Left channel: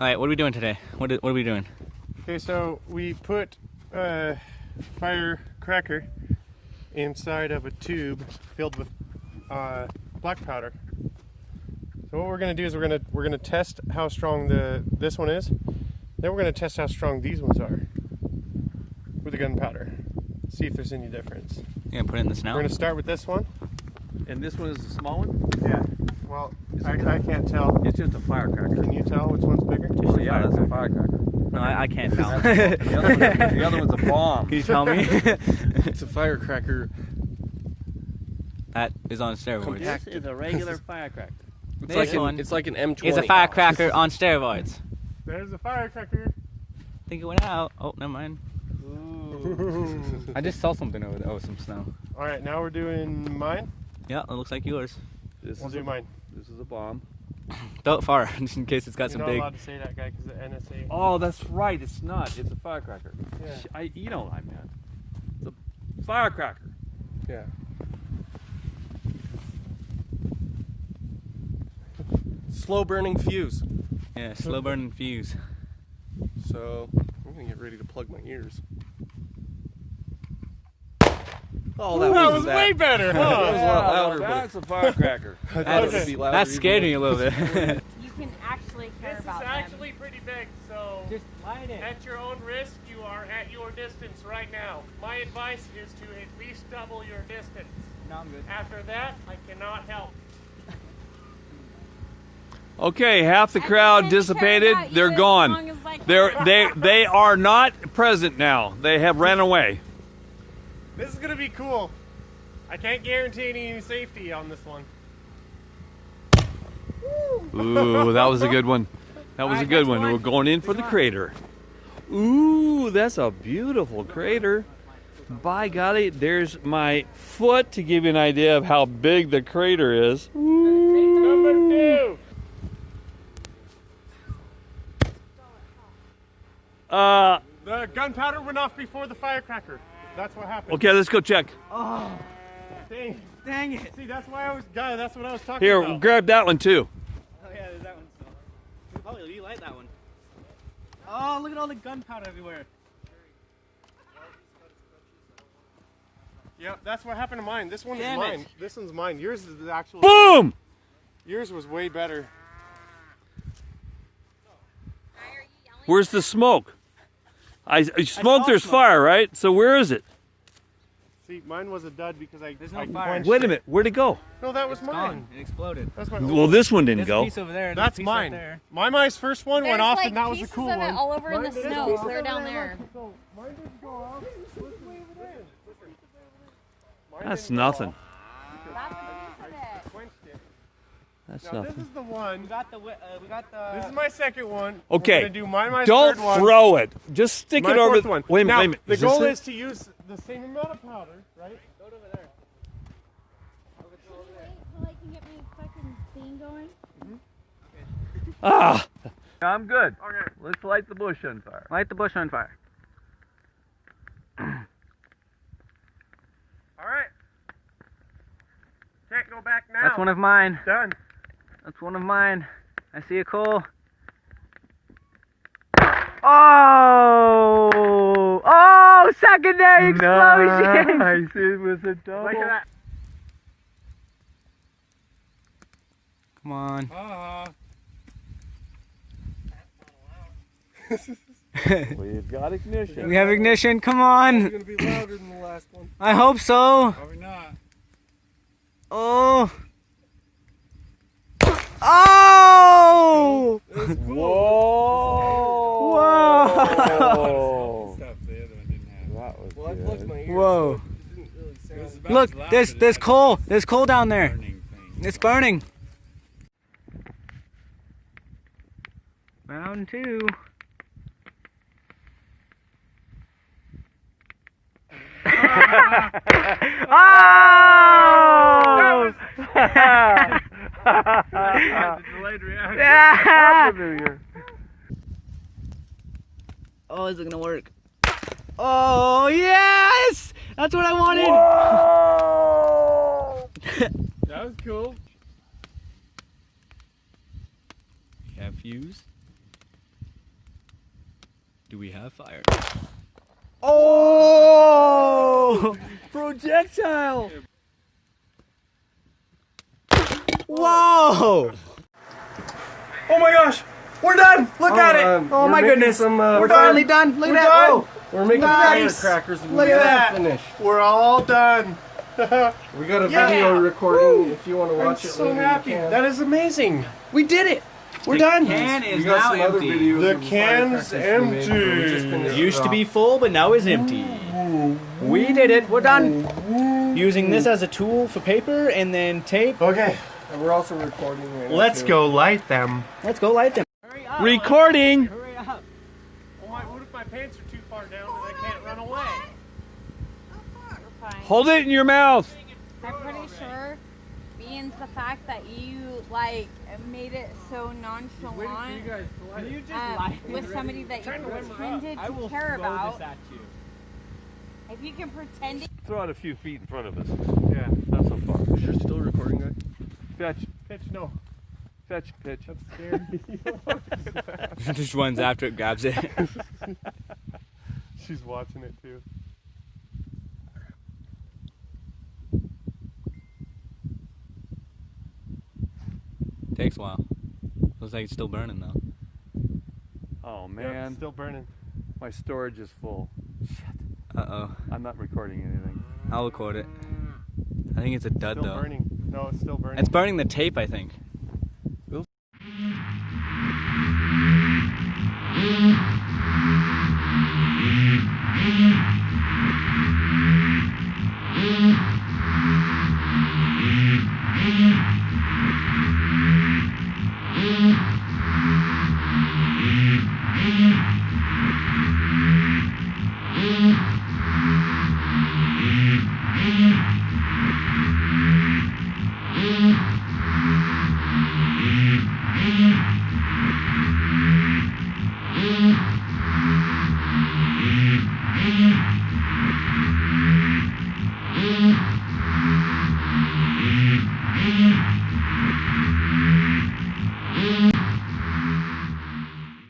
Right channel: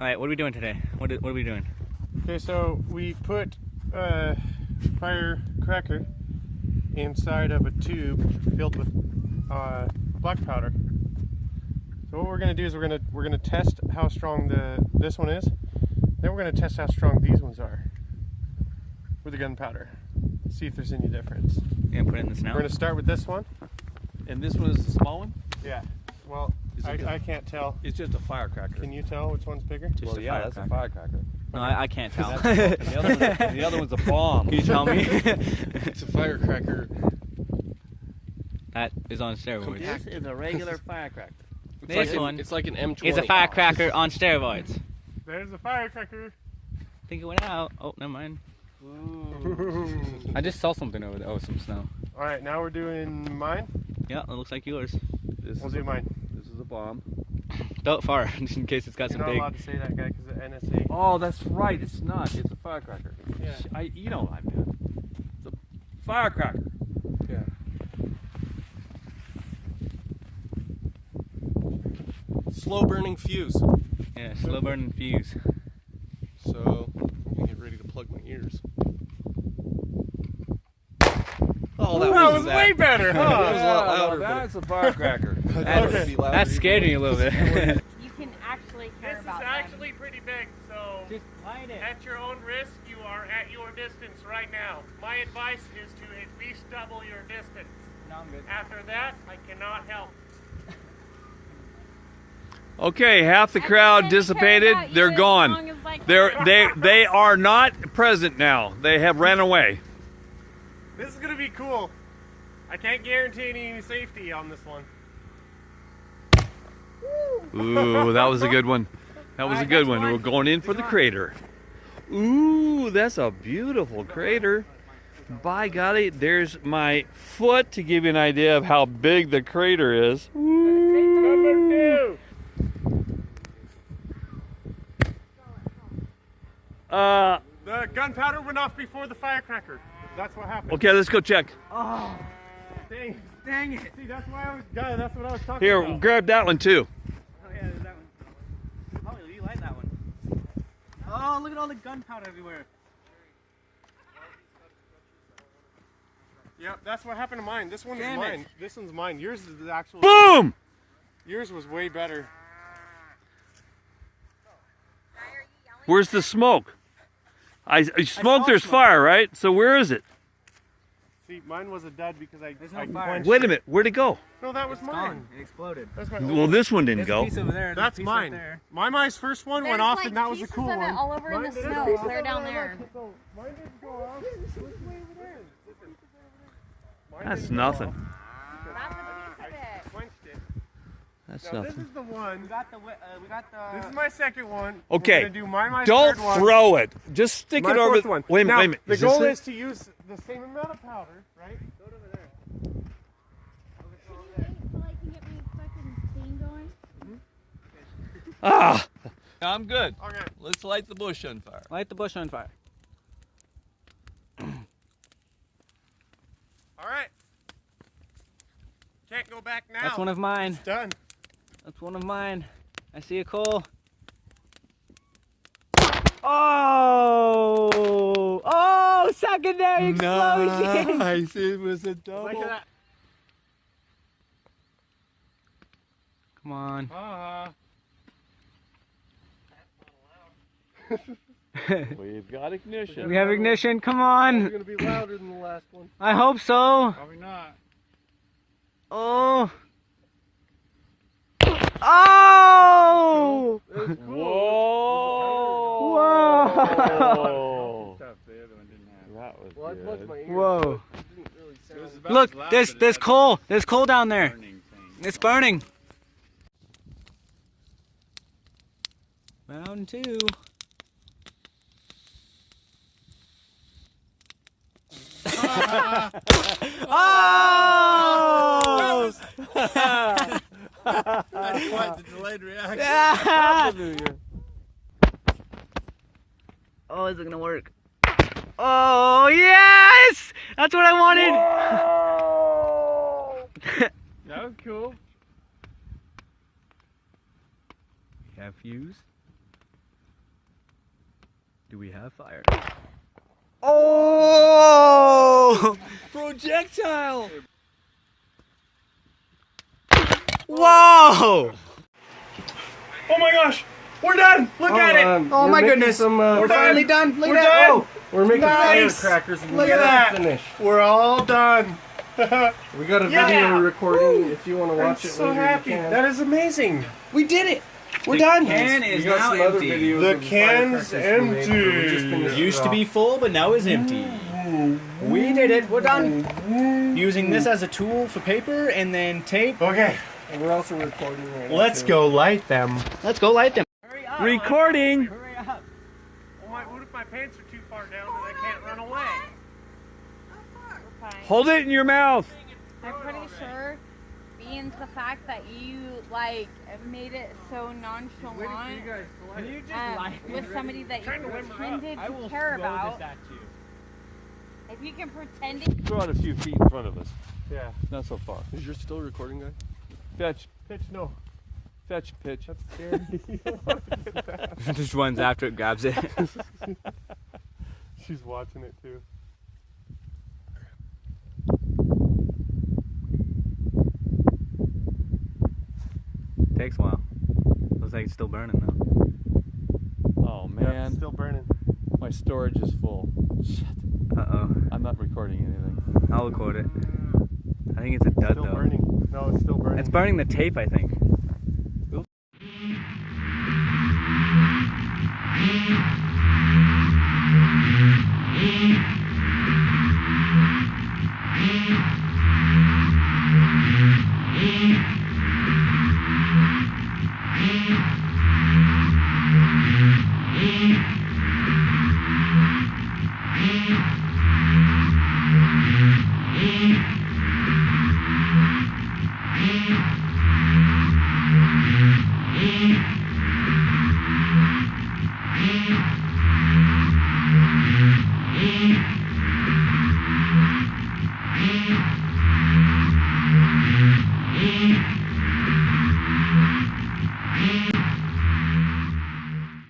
All right, what are we doing today? What are we doing? Okay, so we put a firecracker inside of a tube filled with black powder. So what we're gonna do is we're gonna test how strong this one is. Then we're gonna test how strong these ones are with the gunpowder. See if there's any difference. Yeah, put it in the snout. We're gonna start with this one. And this one is the small one? Yeah. Well, I can't tell. It's just a firecracker. Can you tell which one's bigger? Just a Yeah, that's a firecracker. firecracker. No, I can't tell. The other one's a bomb. Can you tell me? It's a firecracker. That is on steroids. This is a regular firecracker. This one It's like an M20. is a firecracker on steroids. There's a firecracker. I think it went out. Oh, never mind. I just saw something over there. Oh, some snow. All right, now we're doing mine. Yeah, it looks like yours. We'll do mine. This is a bomb. Throw it far, just in case it's got You're some not big. allowed to say that, guy, because the NSA. Oh, that's right. It's not. It's a firecracker. Yeah. You know what I meant. It's a firecracker. Yeah. Slow burning fuse. Yeah, slow burning fuse. So I'm gonna get ready to plug my ears. Oh, That was way better, That huh? was a lot louder, That's a firecracker. That scared me a little bit. You can actually care This is about actually pretty big, so Just light it. at your own risk, you are at your distance right now. My advice is to at least double your distance. No, I'm good. After that, I cannot help. Okay, half the crowd dissipated. They're gone. They are not present now. They have ran away. This is gonna be cool. I can't guarantee any safety on this one. Ooh, that was a good one. That was a good one. We're going in for the crater. Ooh, that's a beautiful crater. By golly, there's my foot to give you an idea of how big the crater is. Number 2. The gunpowder went off before the firecracker. That's what happened. Okay, let's go check. Oh, dang it! See, that's why I was. That's what I was talking Here, about. grab that one too. Oh yeah, there's that one. Oh, you like that one? Oh, look at all the gunpowder everywhere. Yeah, that's what happened to mine. This one is mine. This one's mine. Yours is the actual. Boom! Yours was way better. Where's the smoke? I smoke. There's fire, right? So where is it? See, mine was a dud because I no fire. quenched Wait a it. minute. Where'd it go? No, that was mine. It exploded. That's my. Well, this one didn't There's a go. piece over there. there's a That's piece mine. Right there. My first one went off, and that was a cool of it one. all over in the Mine- snow, so they're down there. So mine didn't go off. That's nothing. That's a piece of it. Quenched it. That's Now, this nothing. is the one. We got the. This is my second one. Okay, We're gonna do my Don't third one. throw it. Just stick My it over. fourth one. Wait a Now, minute. The Is this goal it? is to use the same amount of powder, right? Go over there. Ah! I'm good. Okay. Let's light the bush on fire. Light the bush on fire. All right. Can't go back now. That's one of mine. It's done. That's one of mine. I see a coal. Oh! Oh! Secondary explosion! Nice. It was a double. Look at that. Come on. We've got ignition. We have ignition. Come It's on. gonna be louder than the last one. I hope so. Probably not. Oh! Oh! Whoa! Whoa! Stuff the other one didn't have. That was Well, I plugged my ears. Whoa! It didn't really sound. It was about Look, as loud there's as there's a coal. There's coal down there. burning thing. It's burning. Round 2. Oh! That's a delayed reaction. Yeah! Oh, is it gonna work? Oh, yes! That's what I wanted! That was cool. We have fuse. Do we have fire? Oh! Projectile! Whoa! Oh my gosh! We're done! Look at it! Oh my goodness! We're finally done! Look at that! done! We're making Nice. firecrackers. And Look we're at gonna that. Finish. We're all done. We got a Yeah. video recording if you want to I'm watch it so later. happy. You can. That is amazing. We did it. We're done. Can is We got now some other empty. videos The of can's firecrackers we made, but we just empty. finished Used it to be off. full, but now is empty. We did it. We're done. Using this as a tool for paper and then tape. Okay, And we're also recording right now. let's too. go light them. Let's go light them. Recording. What if my pants are too far down and I can't run away? Hold it in your mouth. I'm pretty sure, being the fact that you like made it so nonchalant with somebody that Trying you to limber up. pretended to care about. If you can pretend it. Throw it a few feet in front of us. Yeah. Not so far. You're still recording that? Fetch, Pitch, no. fetch, pitch. That's scary. Just runs after it, grabs it. She's watching it too. Takes a while. Looks like it's still burning though. Oh Yeah, man, it's still burning. my storage is full. Shit, Uh-oh. I'm not recording anything. I'll record it. I think it's a dud Still though. burning. No, it's still burning. It's burning the tape, I think.